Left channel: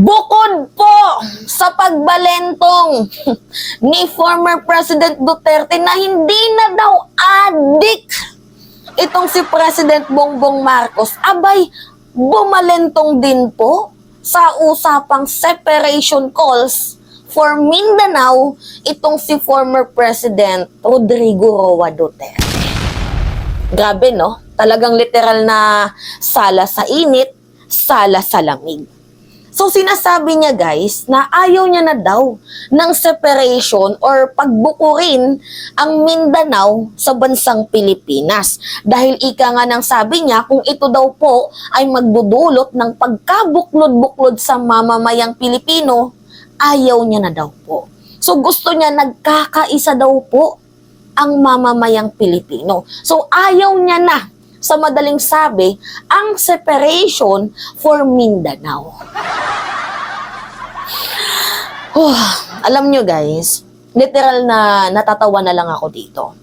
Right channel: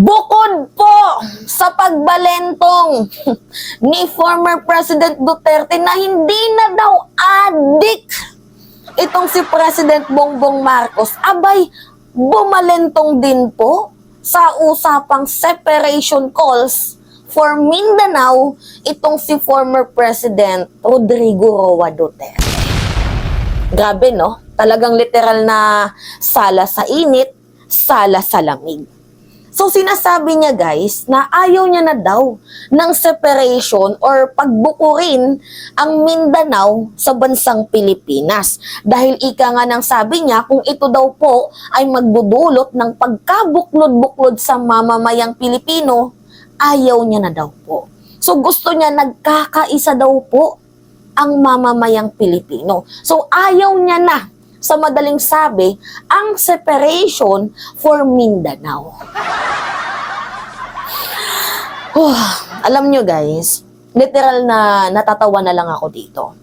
Bukod po sa pagbalentong ni former President Duterte na hindi na daw adik itong si President Bongbong Marcos, abay, bumalentong din po sa usapang separation calls for Mindanao itong si former President Rodrigo Roa Duterte. Grabe, no? Talagang literal na sala sa init, sala sa lamig. So sinasabi niya guys na ayaw niya na daw ng separation or pagbukurin ang Mindanao sa bansang Pilipinas. Dahil ika nga ng sabi niya kung ito daw po ay magdudulot ng pagkabuklod-buklod sa mamamayang Pilipino, ayaw niya na daw po. So gusto niya nagkakaisa daw po ang mamamayang Pilipino. So ayaw niya na, sa madaling sabi, ang separation for Mindanao. Alam nyo guys, literal na natatawa na lang ako dito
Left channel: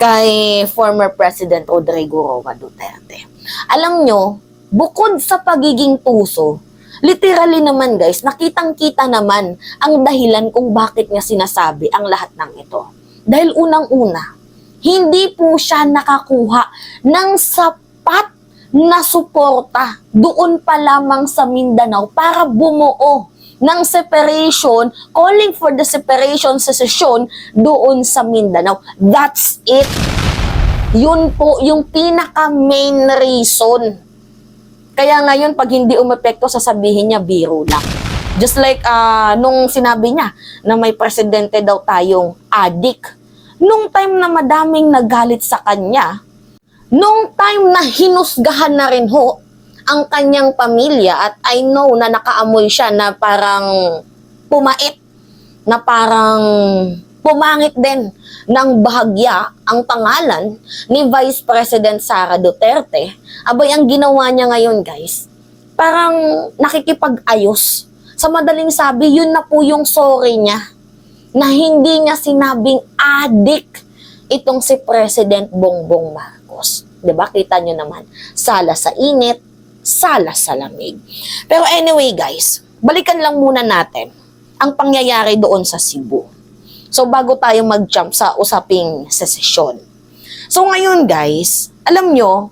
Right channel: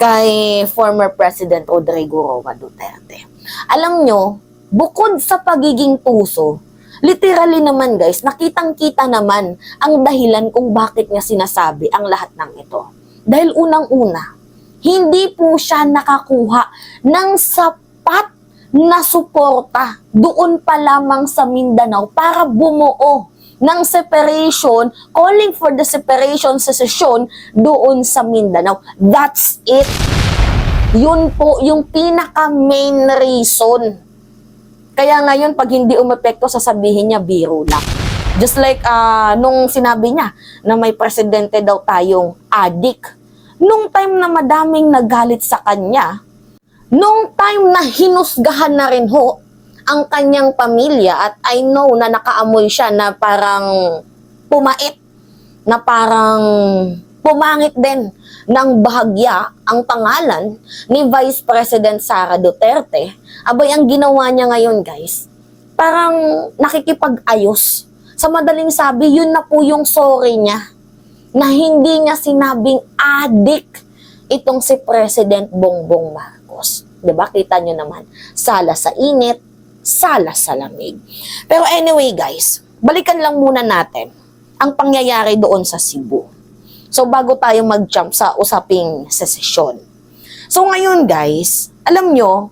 kay former President Rodrigo Roa Duterte. Alam nyo, bukod sa pagiging tuso, literally naman guys, nakitang-kita naman ang dahilan kung bakit niya sinasabi ang lahat ng ito. Dahil unang-una, hindi po siya nakakuha ng sapat na suporta doon pa lamang sa Mindanao para bumuo ng separation, calling for the separation secession doon sa Mindanao. That's it. Yun po yung pinaka-main reason. Kaya ngayon, pag hindi umepekto, sasabihin niya biro lang. Just like nung sinabi niya na may presidente daw tayong adik. Nung time na madaming nagalit sa kanya, nung time na hinusgahan na rin ho ang kanyang pamilya at I know na nakaamoy siya na parang pumait, na parang pumangit din ng bahagya ang pangalan ni Vice President Sara Duterte, abay ang ginawa niya ngayon guys, parang nakikipag-ayos. Sa madaling sabi, yun na po yung sorry niya na hindi niya sinabing adik itong si President Bongbong Marcos. Diba? Kita nyo naman, sala sa init, sala sa lamig. Pero anyway guys, balikan lang muna natin ang pangyayari doon sa Cebu. So bago tayo mag-jump sa usaping secession. So ngayon guys, alam nyo,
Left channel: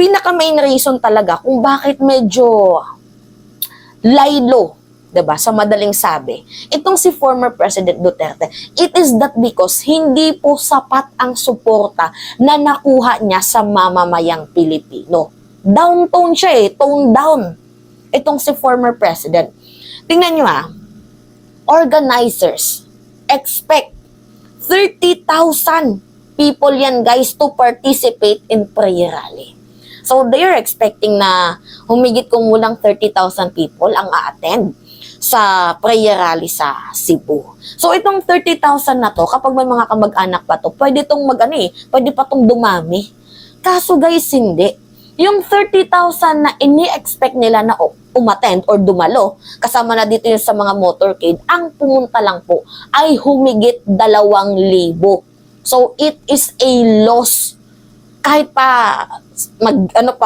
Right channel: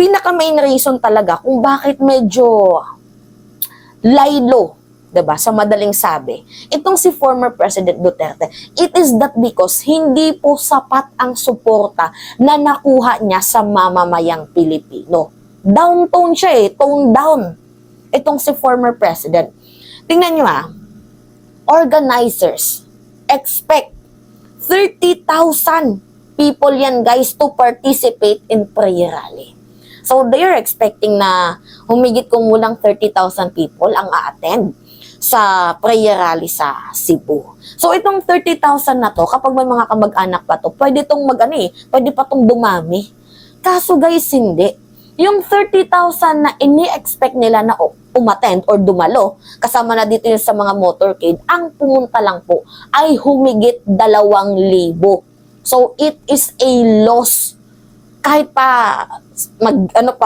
pinaka-main reason talaga kung bakit medyo laylo, diba? Sa madaling sabi, itong si former President Duterte, it is that because hindi po sapat ang suporta na nakuha niya sa mamamayang Pilipino. Down-tone siya tone down. Itong si former President. Tingnan nyo organizers expect 30,000 people yan guys to participate in prayer rally. So they are expecting na humigit kumulang 30,000 people ang a-attend sa prayer rally sa Cebu. So itong 30,000 na to, kapag may mga kamag-anak pa to, pwede tong pwede pa tong dumami. Kaso guys, hindi. Yung 30,000 na ini-expect nila na umattend or dumalo, kasama na dito yung sa mga motorcade, ang pumunta lang po ay humigit 2,000. So it is a loss. Kahit pa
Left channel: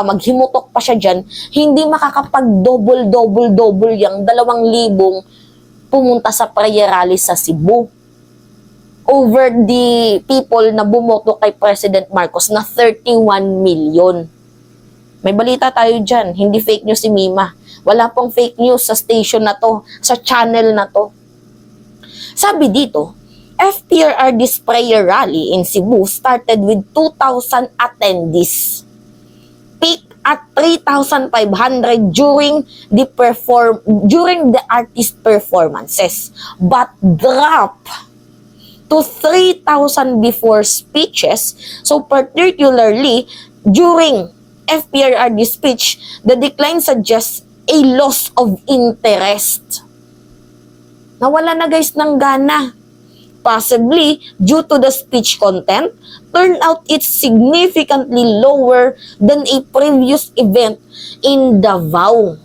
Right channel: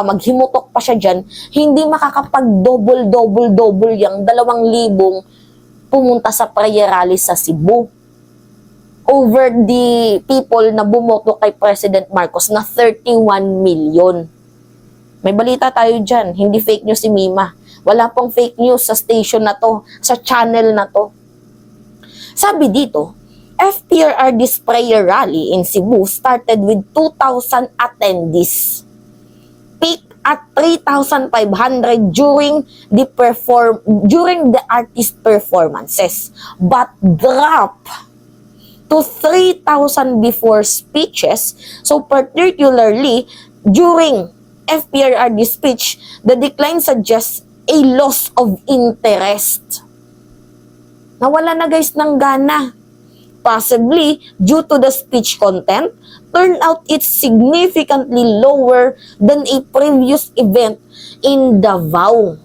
maghimutok pa siya dyan, hindi makakapag-double yung 2,000 pumunta sa prayer rally sa Cebu over the people na bumoto kay President Marcos na 31 million. May balita tayo dyan, hindi fake news si Mima. Wala pong fake news sa station na to, sa channel na to. Sabi dito, FPRRD's prayer rally in Cebu started with 2,000 attendees. Peak at 3,500 during the artist performances, but drop to 3,000 before speeches. So particularly during FPRRD speech, the decline suggests a loss of interest. Nawala na guys ng gana. Possibly due to the speech content, turnout it's significantly lower than a previous event in Davao.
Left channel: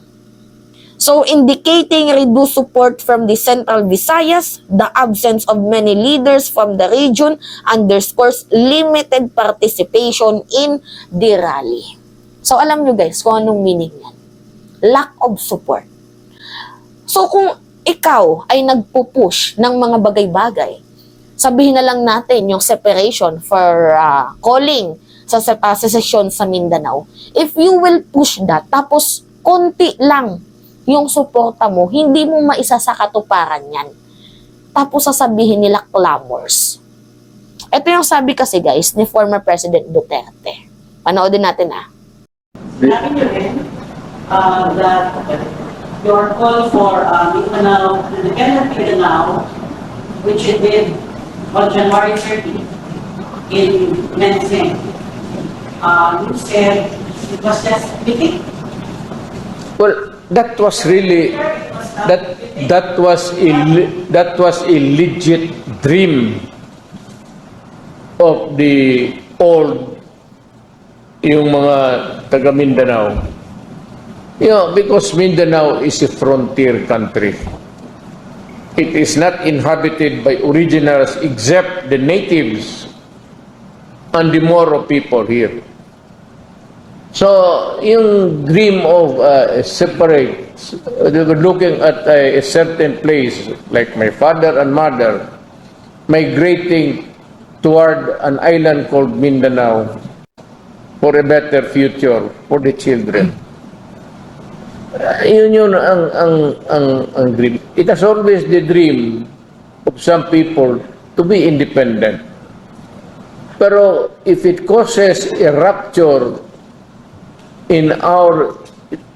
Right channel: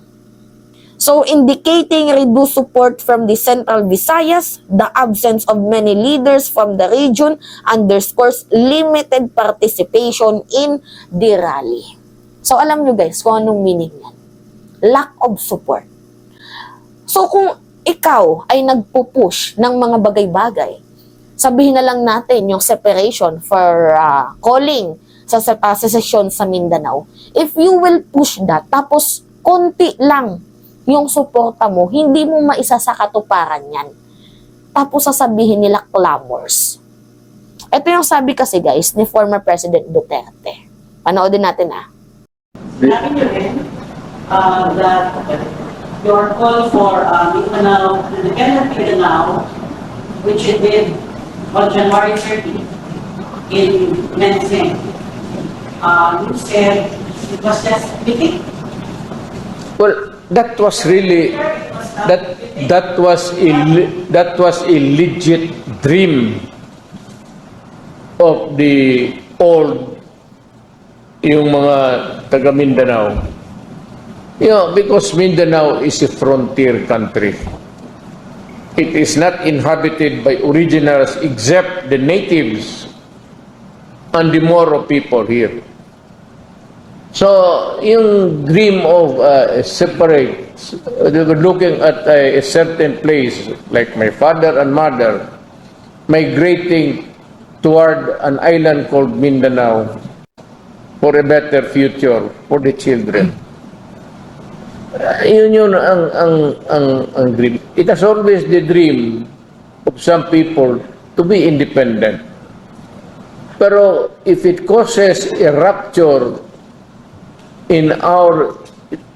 So indicating reduced support from the Central Visayas, the absence of many leaders from the region underscores limited participation in the rally. So alam nyo guys kung anong meaning yan. Lack of support. So kung ikaw ay nagpupush ng mga bagay-bagay, sabihin na lang natin yung separation for calling sa secession sa Mindanao. If you will push that, tapos konti lang yung suporta mo, hindi mo maisa sa katuparan yan. Tapos sasabihin nila clamors. Ito yung sabi kasi guys ni former President Duterte. Panoodin natin Sabi niyo rin that your call for Mindanao, independent Mindanao, which you did on January 30 in Mensing, you said it was just mythic. Well, that was really that was a legit dream of the old yung mga taga Mindanao. You know, because Mindanao is a frontier country. It is not inhabited by originals except the natives and the Moro people here. So, yung dream of separate, looking at a certain place, like my father and mother, migrating toward an island called Mindanao for a better future for the children. Yun ang dream. It has always the dream of some people to be independent. Pero if it causes a rupture in our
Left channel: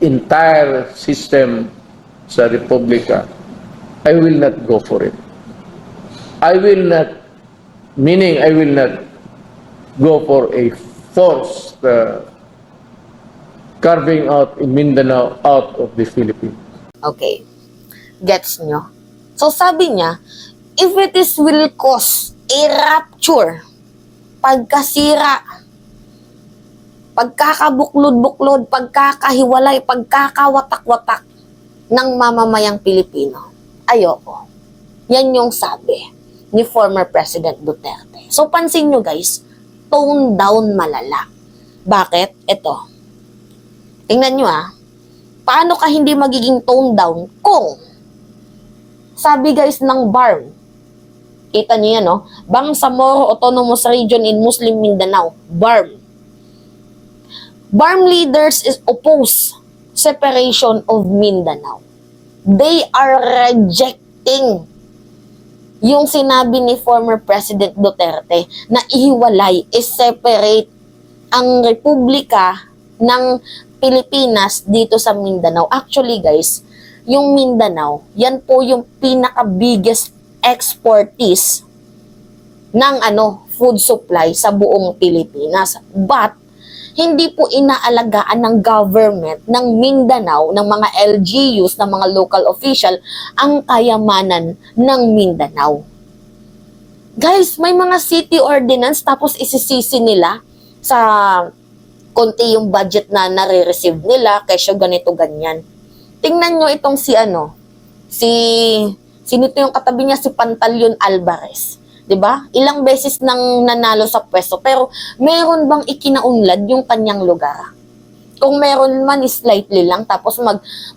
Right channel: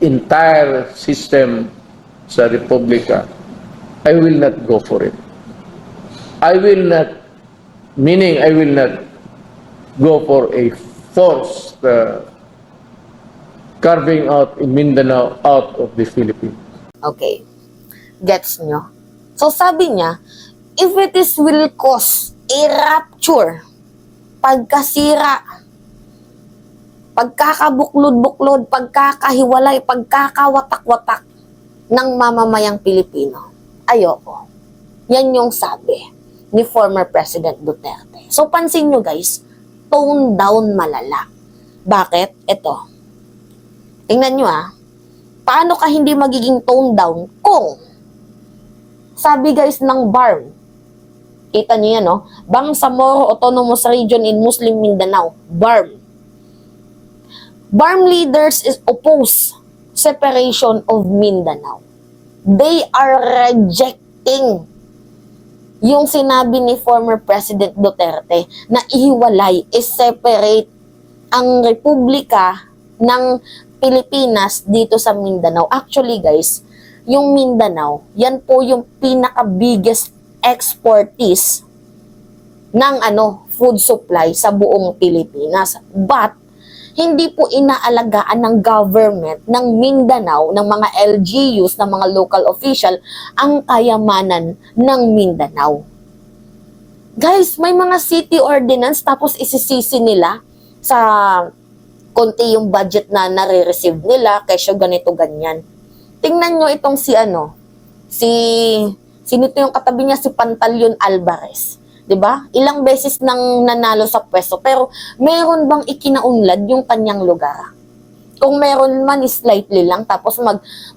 entire system sa Republika, I will not go for it. I will not, meaning I will not go for a forced carving out in Mindanao out of the Philippines. Okay. Gets nyo? So sabi niya, if it is will cause a rupture, pagkasira, pagkakabuklod-buklod, pagkakahiwalay, pagkakawatak-watak ng mamamayang Pilipino, ayoko. Yan yung sabi ni former President Duterte. So pansin nyo guys, tone down malala. Bakit? Ito. Tingnan nyo paano ka hindi magiging tone down kung sabi guys ng BARM, kita nyo yan Bangsamoro Autonomous Region in Muslim Mindanao, BARM. BARM leaders is oppose separation of Mindanao. They are rejecting yung sinabi ni former President Duterte na ihiwalay, separate ang Republika ng Pilipinas dito sa Mindanao. Actually guys, yung Mindanao, yan po yung pinaka-biggest exportise ng food supply sa buong Pilipinas. But hindi po inaalagaan ng government ng Mindanao, ng mga LGUs, ng mga local official, ang kayamanan ng Mindanao. Guys, may mga city ordinance tapos isisisi nila sa konti yung budget na nare-receive nila kesyo ganito ganyan. Tingnan nyo itong sino ito yung katabi niya, si Pantaleon Alvarez. 'Di ba? Ilang beses nang nanalo sa pwesto pero meron bang ikinaunlad yung kanyang lugar? Kung meron man slightly lang tapos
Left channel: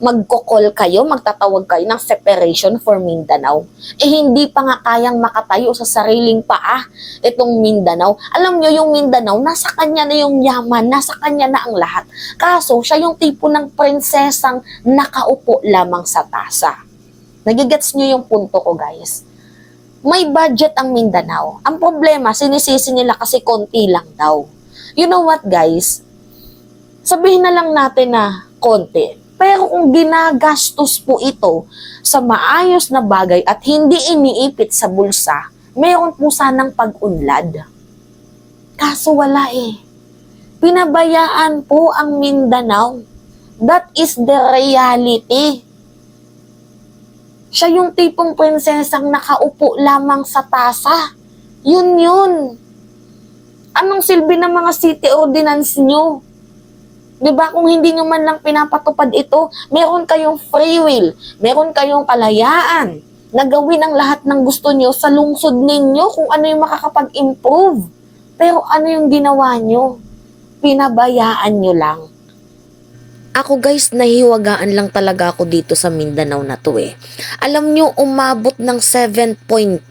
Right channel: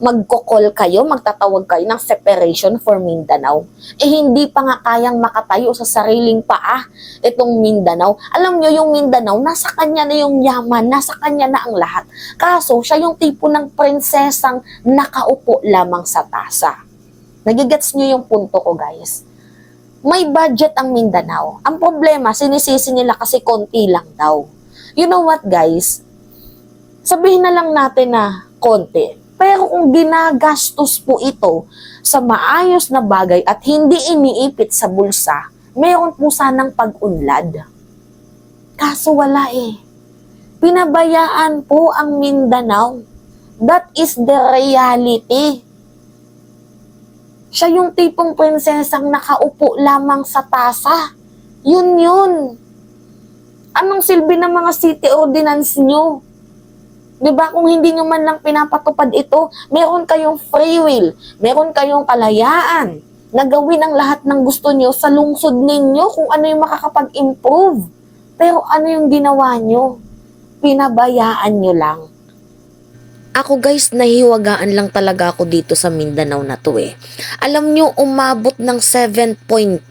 magko-call kayo, magtatawag kayo ng separation for Mindanao. Hindi pa nga kayang makatayo sa sariling paa itong Mindanao. Alam nyo yung Mindanao, nasa kanya na yung yaman, nasa kanya na ang lahat. Kaso siya yung tipo ng prinsesang nakaupo lamang sa tasa. Nagigets nyo yung punto ko guys. May budget ang Mindanao. Ang problema, sinisisi nila kasi konti lang daw. You know what guys? Sabihin na lang natin na konti. Pero kung ginagastos po ito sa maayos na bagay at hindi iniipit sa bulsa, mayroon po sanang pag-unlad. Kaso wala Pinabayaan po ang Mindanao. That is the reality. Siya yung tipong prinsesang nakaupo lamang sa tasa. Yun. Anong silbi ng mga city ordinance nyo? Diba, kung hindi nyo man lang pinapatupad ito, meron kayong free will, meron kayong kalayaan na gawin ang lahat ng gusto nyo sa lungsod ninyo kung ano yung makakapag-improve. Pero ano yung ginawa nyo? Pinabayaan nyo lang. Ako guys, nahiwagaan lang talaga ako dito sa Mindanao na to eh. Alam nyo, umabot ng 7.2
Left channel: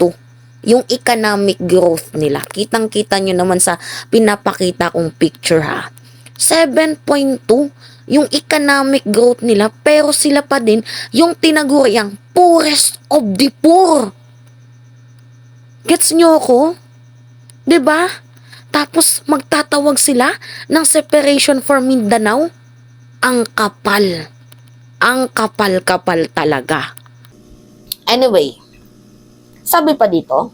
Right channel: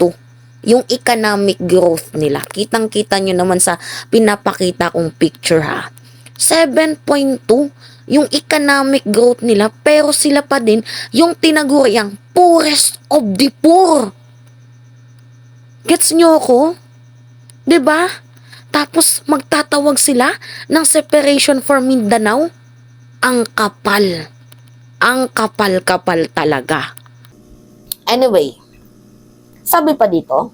yung economic growth nila. Kitang-kita nyo naman sa pinapakita kong picture ha. 7.2 yung economic growth nila, pero sila pa din yung tinaguriang poorest of the poor. Gets nyo ako? 'Di ba? Tapos magtatawag sila ng separation for Mindanao. Ang kapal. Ang kapal-kapal talaga. Anyway, sabi pa dito,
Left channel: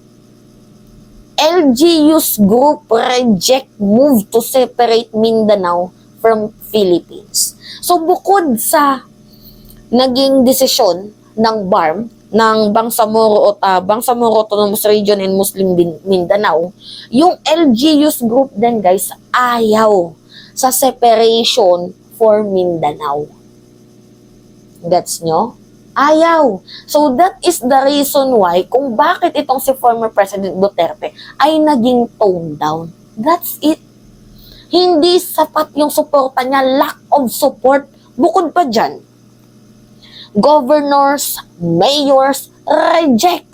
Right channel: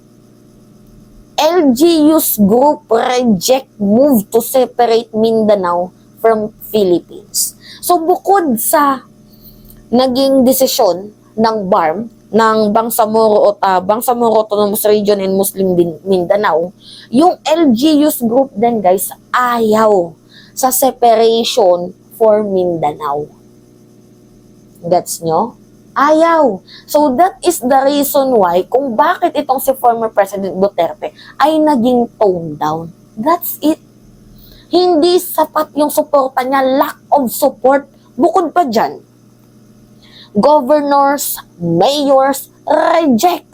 LGU's group reject move to separate Mindanao from Philippines. So bukod sa naging desisyon ng BARM, ng Bangsamoro Autonomous Region and Muslim Mindanao, yung LGU's group din guys, ayaw sa separation for Mindanao. Gets nyo? Ayaw. So that is the reason why kung bakit itong si former President Duterte ay naging toned down. That's it. Hindi sapat yung suporta niya, lack of support. Bukod pa dyan, governors, mayors, reject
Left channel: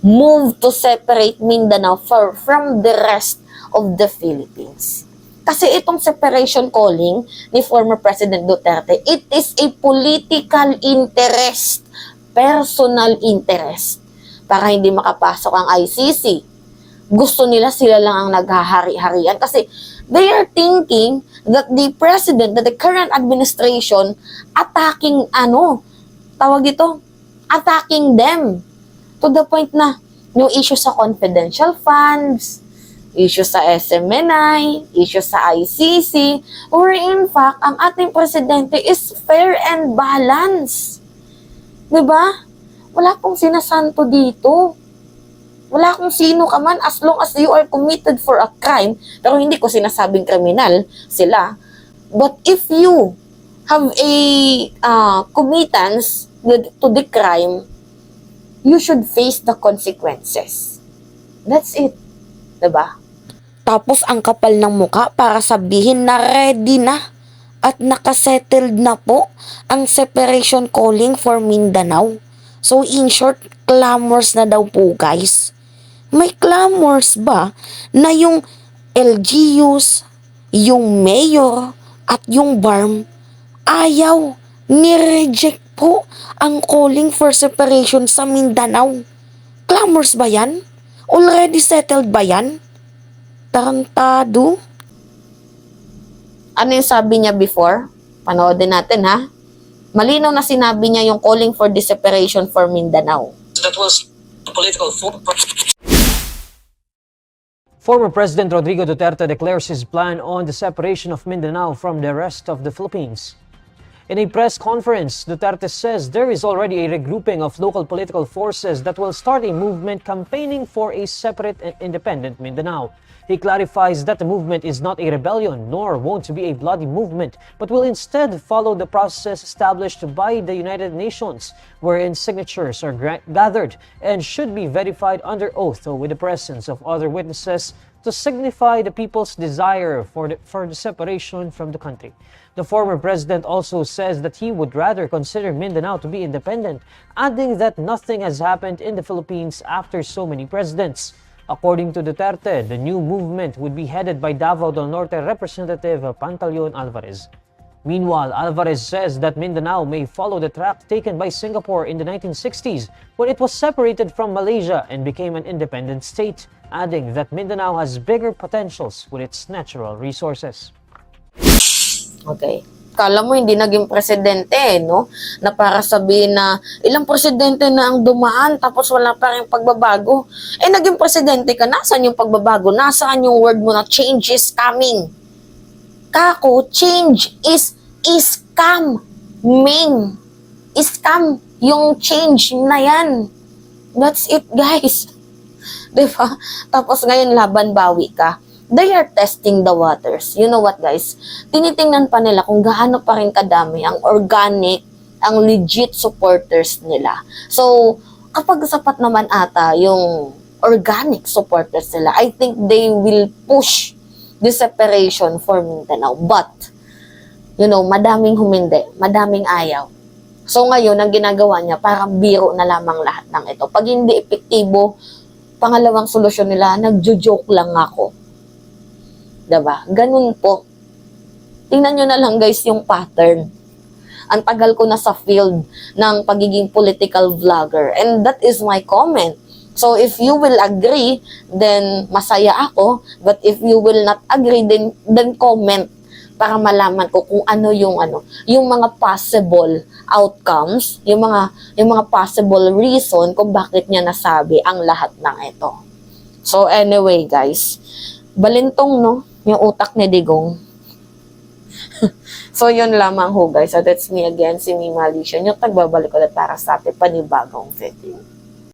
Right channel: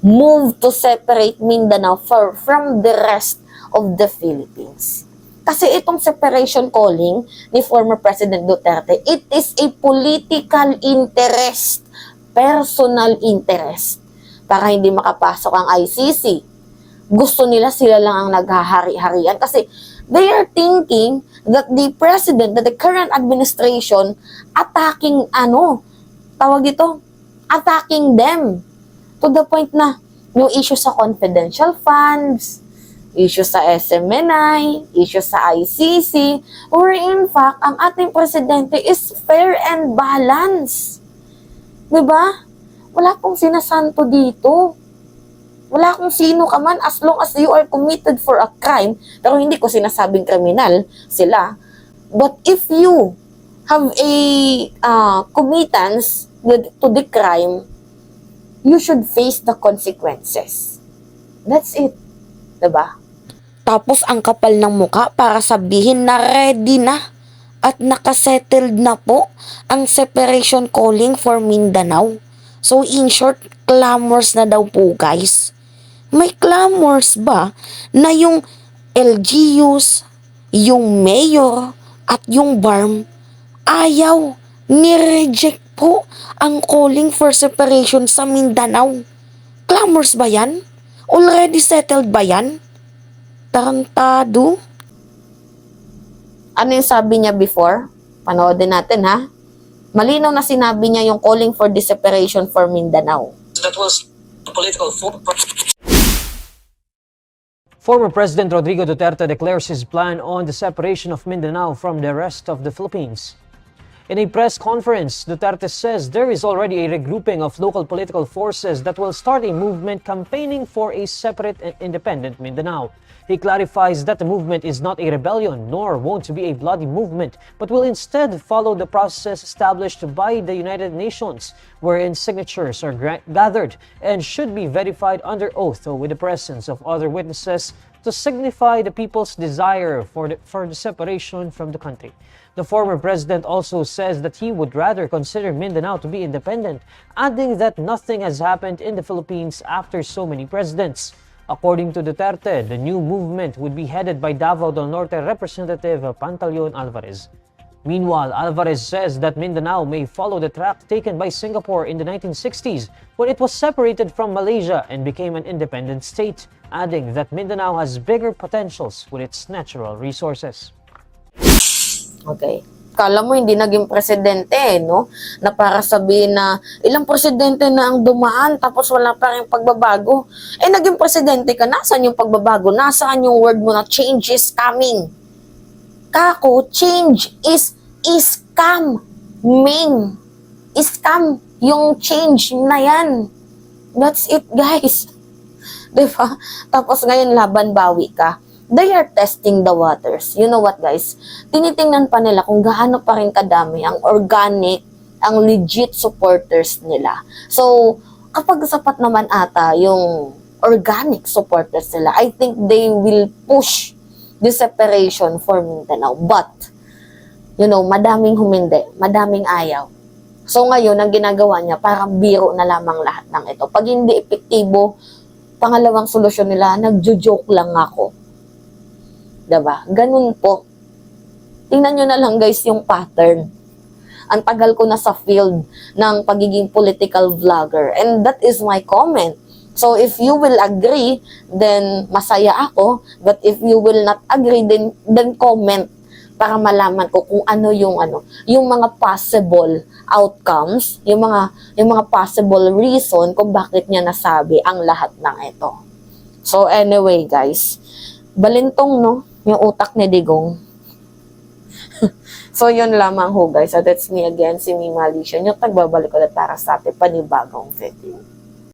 move to separate Mindanao from the rest of the Philippines. Kasi itong separation calling ni former President Duterte, it is a political interest, personal interest, para hindi makapasok ang ICC. Gusto nila sila lang ang naghahari-harian kasi they are thinking that the president, that the current administration attacking attacking them to the point na yung issue sa confidential funds, issue sa SMNI, issue sa ICC, or in fact, ang ating presidente is fair and balanced. Diba? Wala pong sinasanto dito. Wala kung sino ka man as long as you are committed for a crime, pero hindi ko sinasabing kriminal sila. But if you have a committance to the crime, you should face the consequences. That's it. Diba? Tapos ang kapal ng muka para sabihin na ready na at nakasettled na po ang separation calling for Mindanao. So in short, clamors na daw po guys. May clamors ba na yung LGUs, yung mayor at yung BARM ayaw, ni-reject po ang calling for separation sa Mindanao? Clamors ba yan? Already settled ba yan? Tarantado. Ano yung sabi niya before? Panoodin natin ha. Malinaw na sinabi niya yung calling for the separation for Mindanao. That was political. Former President Rodrigo Duterte declares his plan on the separation of Mindanao from the rest of the Philippines. In a press conference, Duterte says there is already a regrouping of local political forces that will start a movement campaigning for a separate and independent Mindanao. He clarifies that the movement is not a rebellion nor wont to be a bloody movement, but will instead follow the process established by the United Nations, wherein signatures are gathered and should be verified under oath with the presence of other witnesses to signify the people's desire for the separation from the country. The former president also says that he would rather consider Mindanao to be independent, adding that nothing has happened in the Philippines after so many presidents. According to Duterte, the new movement would be headed by Davao del Norte Representative Pantaleon Alvarez. Meanwhile, Alvarez says that Mindanao may follow the track taken by Singapore in the 1960s when it was separated from Malaysia and became an independent state, adding that Mindanao has bigger potentials with its natural resources. Okay. Kala mo hindi naging presidente, no? Na para sabihin na ilang presidente na ang dumaan tapos wala pa rin pagbabago. Eh, naging presidente ka, nasaan yung pagbabago? Nasaan yung word mo na change is coming? Kako, change is scam. Scam yung change na yan. That's it, guys. Diba? Tapos ngayon laban bawi ka. They are testing the waters. You know what, guys? Tinitingnan pa nila kung gaano pa rin kadami ang organic, ang legit supporters nila. So, kapag sapat naman ata yung organic supporters nila, I think they will push the separation for Mindanao. But, madaming humindi, madaming ayaw. So ngayon, ang ginagawa niya, parang biro na lamang lahat ng ito. Pag hindi epektibo, pangalawang solusyon nila, nagjo-joke lang ako. Diba? Ganun po. Tingnan nyo na lang guys yung pattern. Ang tagal ko na sa field ng pagiging political vlogger. And that is my comment. So if you will agree, then masaya ako. But if you will not agree, then comment para malaman ko kung ano yung mga possible outcomes, yung mga possible reason kung bakit niya nasabi ang lahat ng ito. So anyway guys, balintong yung utak ni Digong. So yun lamang ho guys. So that's me again, si Mima Alicia. Yung tagbabalik ulit para sa ating panibagong video.